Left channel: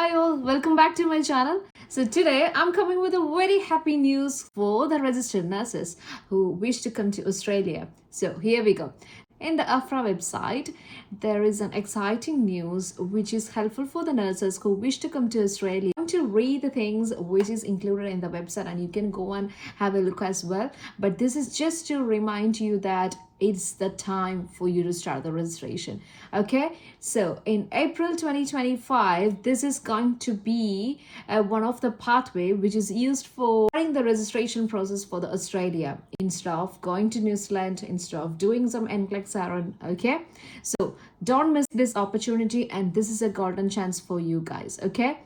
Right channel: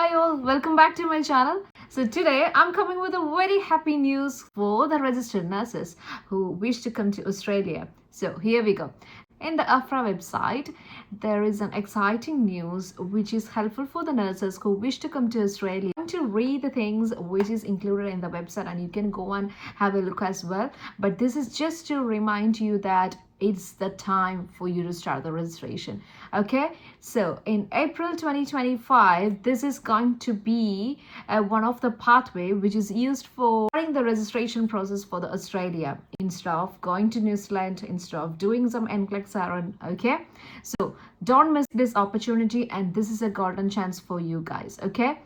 Hi all, welcome back to my channel. So today I'm coming with a very happy news for the registered nurses who wish to come to Australia. So here we go. In the AFRA website, there is an exciting news which is helpful for the nurses who wish to come to Australia. I'm going to read the things which is included in the website and you can go and have a look as well. But this is just to remind you that it's the time for you to start the registration. Okay, so in April 2025, this is going to be one of the pathway which is used for starting the registration process for the Australia instead of going to New Zealand, instead of doing some NCLEX. Okay, so don't miss this opportunity, and this is a golden chance for you guys. Okay,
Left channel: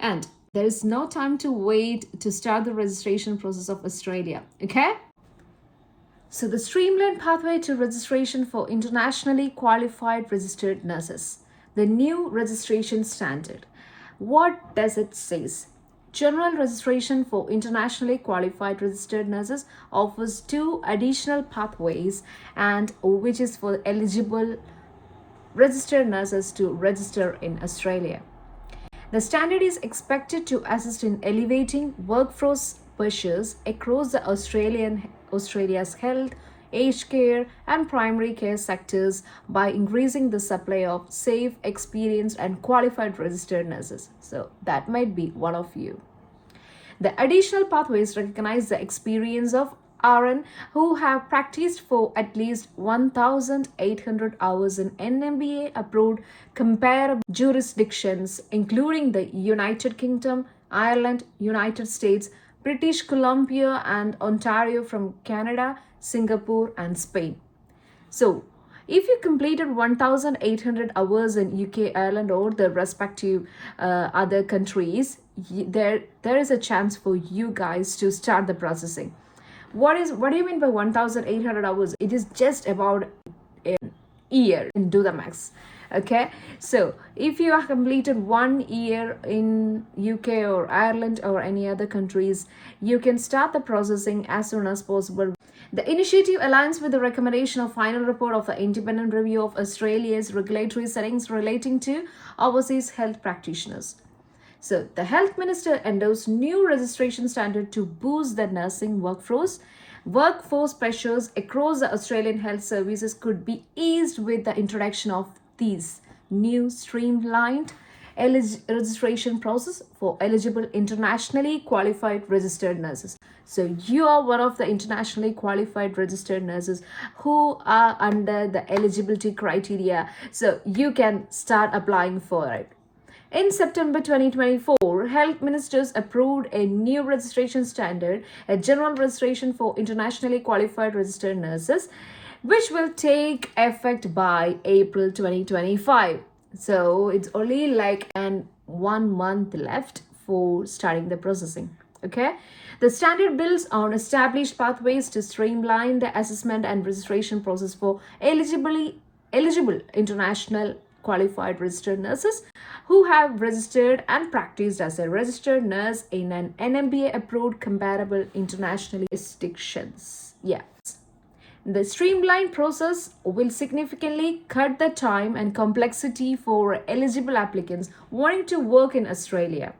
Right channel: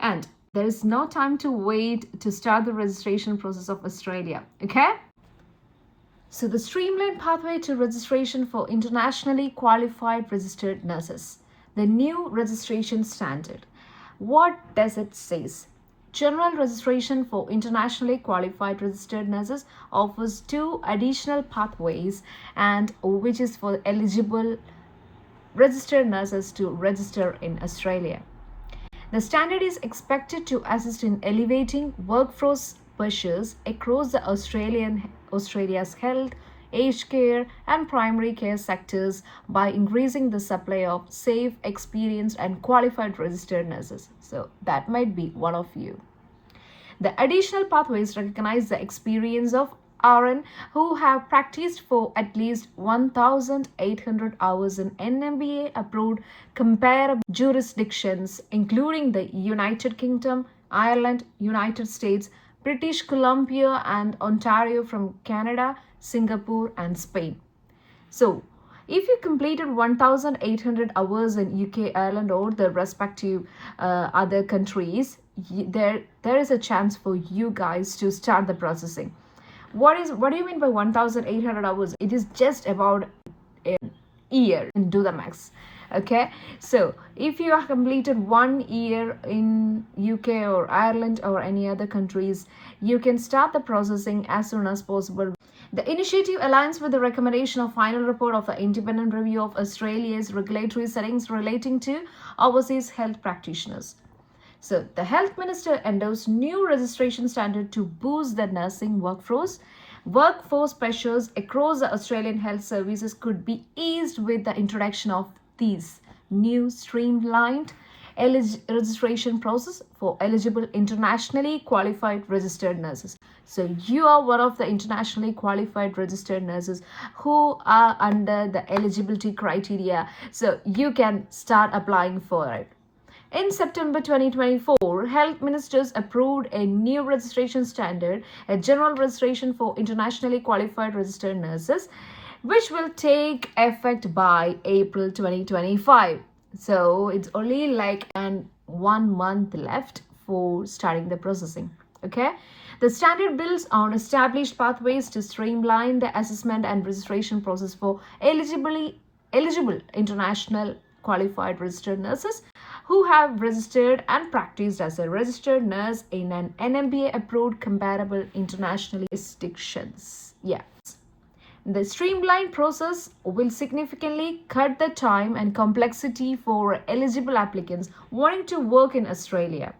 and there is no time to wait to start the registration process of Australia. Okay. So the streamlined pathway to registration for internationally qualified registered nurses. The new registration standard. What does it say? General registration for internationally qualified registered nurses offers two additional pathways, and which is for eligible registered nurses to register in Australia. The standard is expected to assist in elevating workforce pressures across the Australia's health, aged care, and primary care sectors by increasing the supply of safe, experienced, and qualified registered nurses. So that might be one of you. The additional pathways recognize the experience of RN who have practiced for at least 1,800 hours in NMBA-approved comparable jurisdictions, including the United Kingdom, Ireland, United States, British Columbia, and Ontario from Canada, Singapore, and Spain. So, if you completed 1,800 hours in UK, Ireland, or the respective other countries, there is a chance for you guys to start the processing. What do you mean by 1,800 hours? It is just about a year and do the max. Okay, so if you have completed 1 year in UK or Ireland or any other countries, you can start the processing as soon as possible. The initiative aligns with the recommendation of final report of the independent review of Australia's regulatory settings relating to overseas health practitioners. So the health minister endorsed new registration standard to boost the nursing workforce. Workforce pressures across the Australian health services could be eased with the introduction of these new streamlined registration process for eligible internationally qualified registered nurses. So you are one of the internationally qualified registered nurses who are under the eligibility criteria, so you can start applying for it. In September 2024, health ministers approved a new registration standard, a general registration for internationally qualified registered nurses, which will take effect by April 2025. So it's only like 1 month left for starting the processing. Okay. The standard builds on established pathways to streamline the assessment and registration process for eligible international qualified registered nurses who have registered and practiced as a registered nurse in an NMBA-approved comparable international jurisdictions. Yeah. The streamlined process will significantly cut the time and complexity for eligible applicants wanting to work in Australia.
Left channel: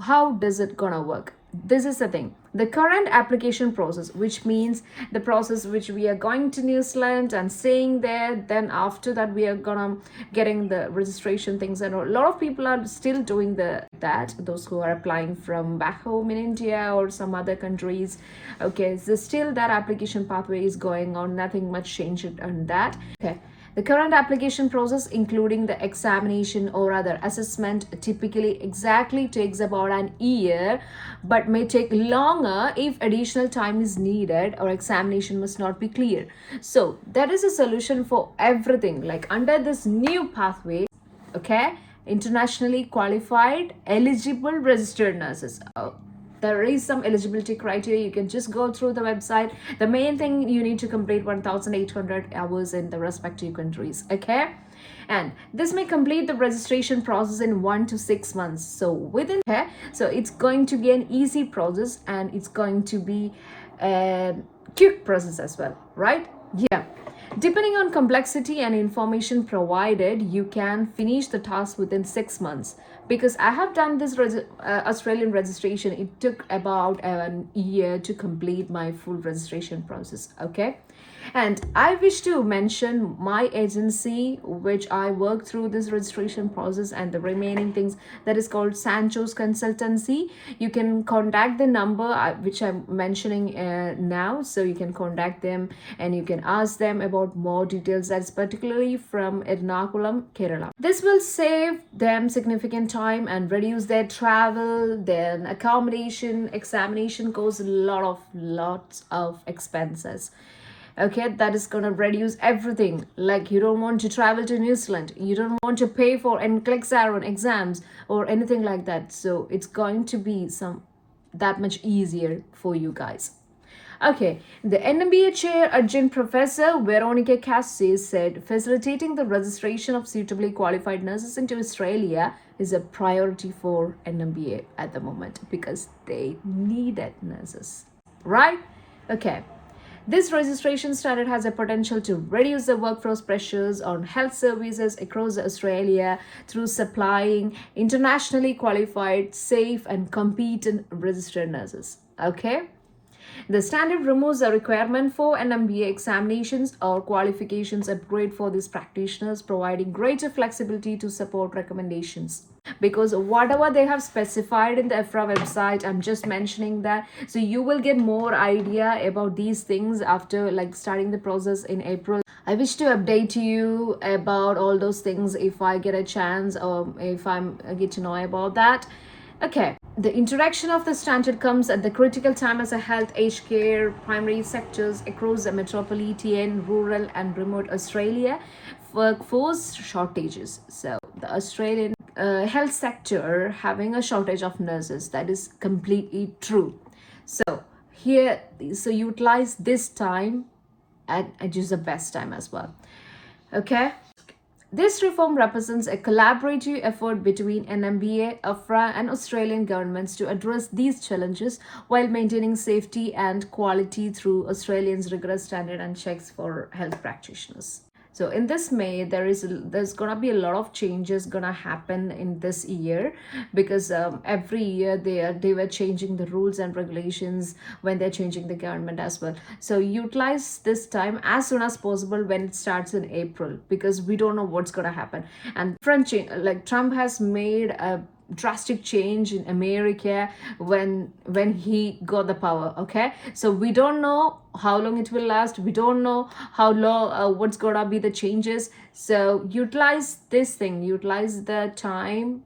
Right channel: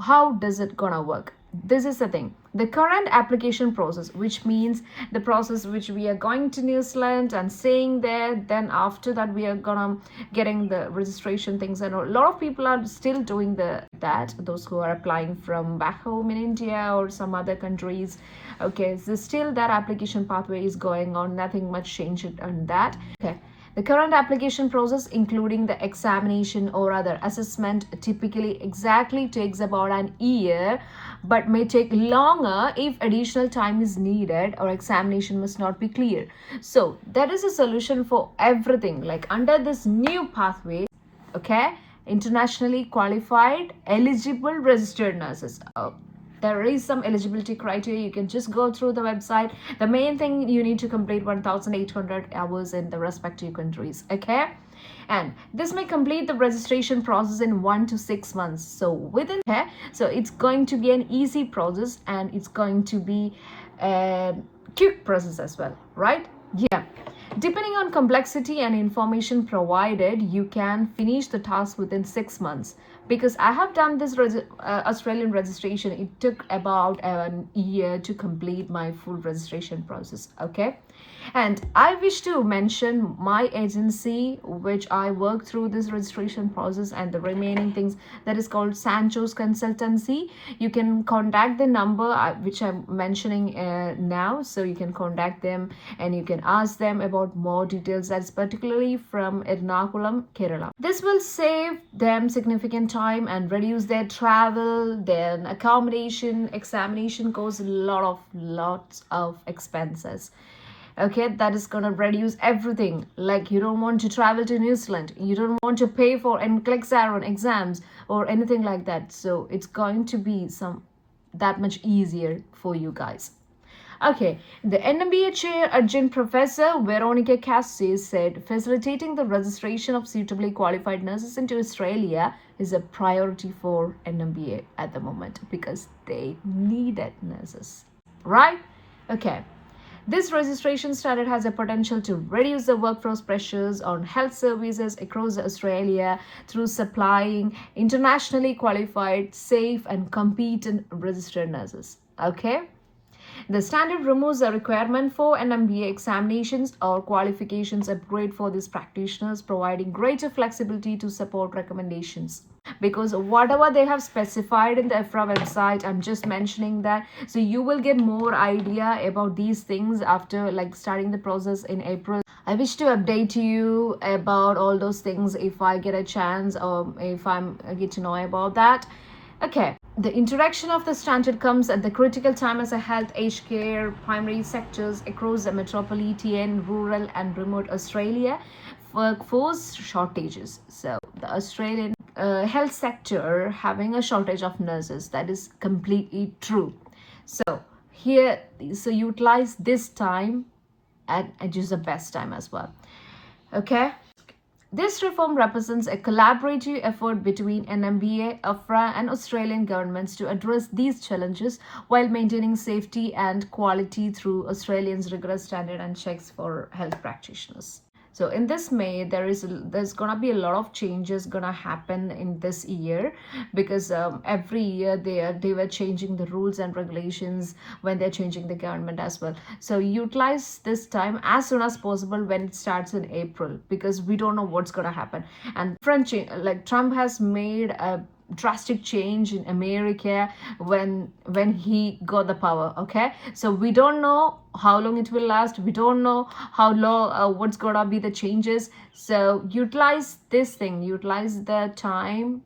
How does it gonna work? This is the thing. The current application process, which means the process which we are going to New Zealand and staying there, then after that we are gonna getting the registration things, and a lot of people are still doing that, those who are applying from back home in India or some other countries. Okay, so still that application pathway is going on, nothing much changed on that. Okay. The current application process, including the examination or other assessment, typically exactly takes about an year, but may take longer if additional time is needed or examination must not be clear. So that is a solution for everything. Like under this new pathway, okay, internationally qualified, eligible registered nurses. There is some eligibility criteria. You can just go through the website. The main thing, you need to complete 1,800 hours in the respective countries. Okay, and this may complete the registration process in 1 to 6 months. So within here, so it's going to be an easy process, and it's going to be a quick process as well, right? Yeah. Depending on complexity and information provided, you can finish the task within 6 months. Because I have done this Australian registration, it took about a year to complete my full registration process. Okay. And I wish to mention my agency, which I work through this registration process and the remaining things, that is called Sancho's Consultancy. You can contact the number which I'm mentioning now. So you can contact them and you can ask them about more details. That's particularly from Ernakulam, Kerala. This will save them significant time and reduce their travel, then accommodation, examination costs lots of expenses. Okay, that is gonna reduce everything. Like, you don't want to travel to New Zealand, you don't want to pay for NCLEX exams or anything like that, so it's going to be that much easier for you guys. Okay, the NMBA chair adjunct professor Veronica Cassis said facilitating the registration of suitably qualified nurses into Australia is a priority for NMBA at the moment because they needed nurses, right? Okay. This registration standard has a potential to reduce the workforce pressures on health services across Australia through supplying internationally qualified, safe, and competent registered nurses. Okay? The standard removes the requirement for NMBA examinations or qualifications upgrade for these practitioners, providing greater flexibility to support recommendations. Because whatever they have specified in the EFRA website, I'm just mentioning that, so you will get more idea about these things after like starting the process in April. I wish to update you about all those things if I get a chance or if I get to know about that. Okay, the introduction of the standard comes at the critical time as a health, aged care, primary sectors across the metropolitan, rural and remote Australia workforce shortages. So the Australian health sector having a shortage of nurses, that is completely true. So utilize this time and use the best time as well. Okay. This reform represents a collaborative effort between NMBA, AFRA, and Australian governments to address these challenges while maintaining safety and quality through Australians' rigorous standard and checks for health practitioners. So in this May, there's gonna be a lot of changes gonna happen in this year because every year they were changing the rules and regulations when they're changing the government as well. So utilize this time as soon as possible when it starts in April because we don't know what's gonna happen. And Trump has made a drastic change in America when he got the power. Okay, so we don't know how long it will last, we don't know how long what's gonna be the changes, so utilize the time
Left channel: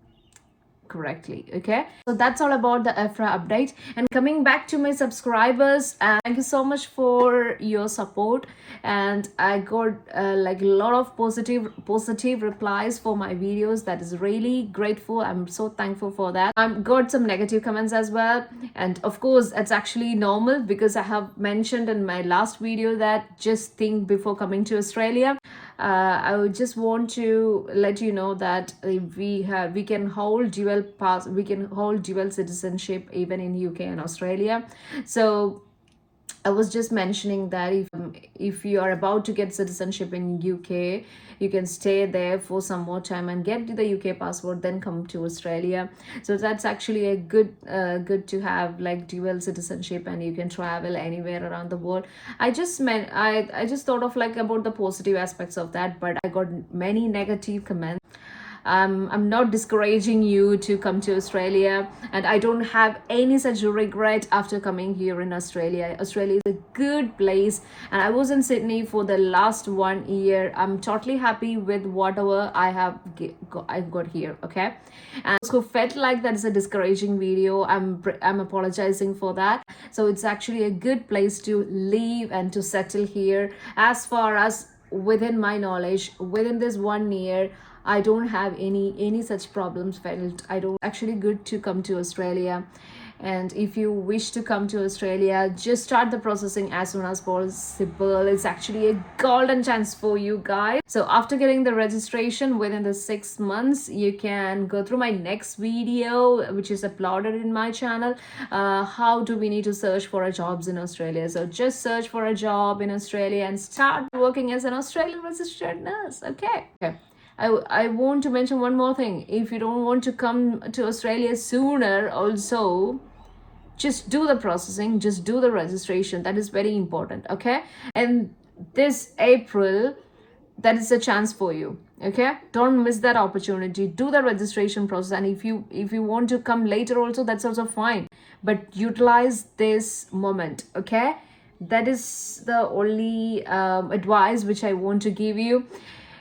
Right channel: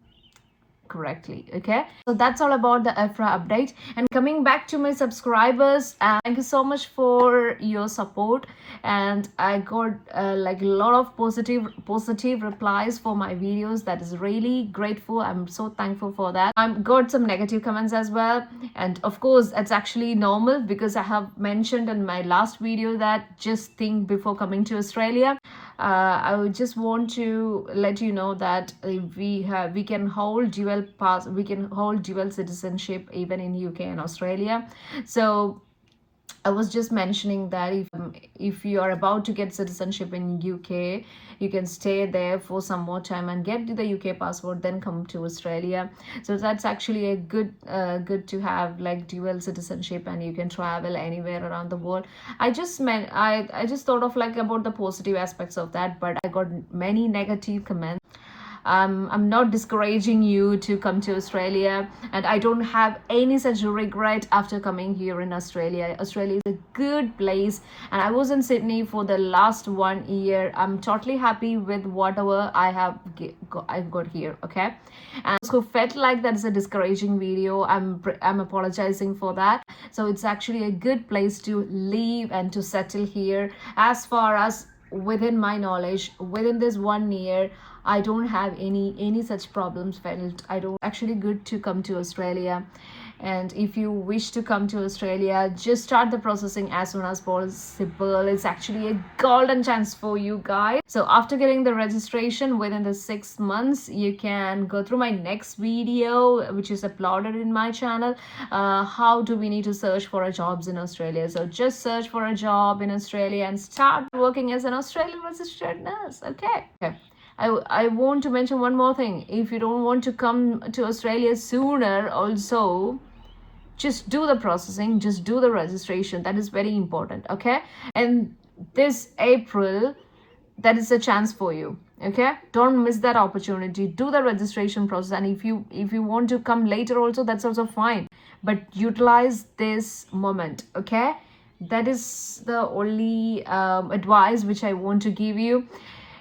correctly. Okay, so that's all about the EFRA update. And coming back to my subscribers, thank you so much for your support, and I got like a lot of positive replies for my videos. That is really grateful. I'm so thankful for that. I've got some negative comments as well, and of course it's actually normal because I have mentioned in my last video that just think before coming to Australia. I would just want to let you know that we can hold dual citizenship even in UK and Australia. So I was just mentioning that if you are about to get citizenship in UK, you can stay there for some more time and get the UK passport, then come to Australia. So that's actually a good to have like dual citizenship, and you can travel anywhere around the world. I just thought of like about the positive aspects of that, but I got many negative comments. I'm not discouraging you to come to Australia, and I don't have any such regret after coming here in Australia. Australia is a good place, and I was in Sydney for the last 1 year. I'm totally happy with whatever I got here. Okay, and those who felt like that is a discouraging video, I'm apologizing for that. So it's actually a good place to live and to settle here. As far as within my knowledge, within this 1 year, I don't have any such problems felt. I don't actually good to come to Australia, And if you wish to come to Australia, just start the processing as soon as possible. It's actually a golden chance for you guys. So after getting the registration within the 6 months, you can go through my next video, which is uploaded in my channel. How do we need to search for a jobs in Australia? So just search for a job in Australia and start working as an Australian registered nurse. Okay. I want to mention one more thing. If you don't want to come to Australia sooner, also just do the processing, just do the registration. That is very important. Okay. And this April, that is a chance for you. Okay, don't miss that opportunity. Do the registration process, and if you want to come later also, that's also fine, but utilize this moment. Okay, that is the only advice which I want to give you.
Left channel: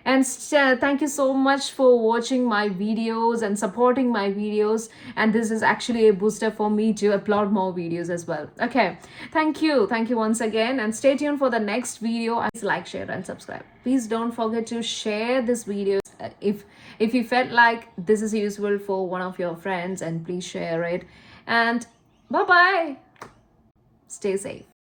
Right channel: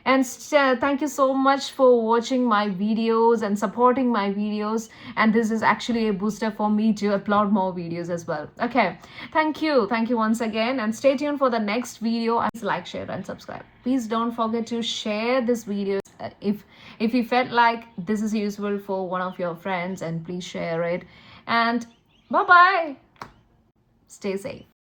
And thank you so much for watching my videos and supporting my videos, and this is actually a booster for me to upload more videos as well. Okay, thank you once again, and stay tuned for the next video. Please like, share and subscribe. Please don't forget to share this video if you felt like this is useful for one of your friends, and please share it. And bye bye, stay safe.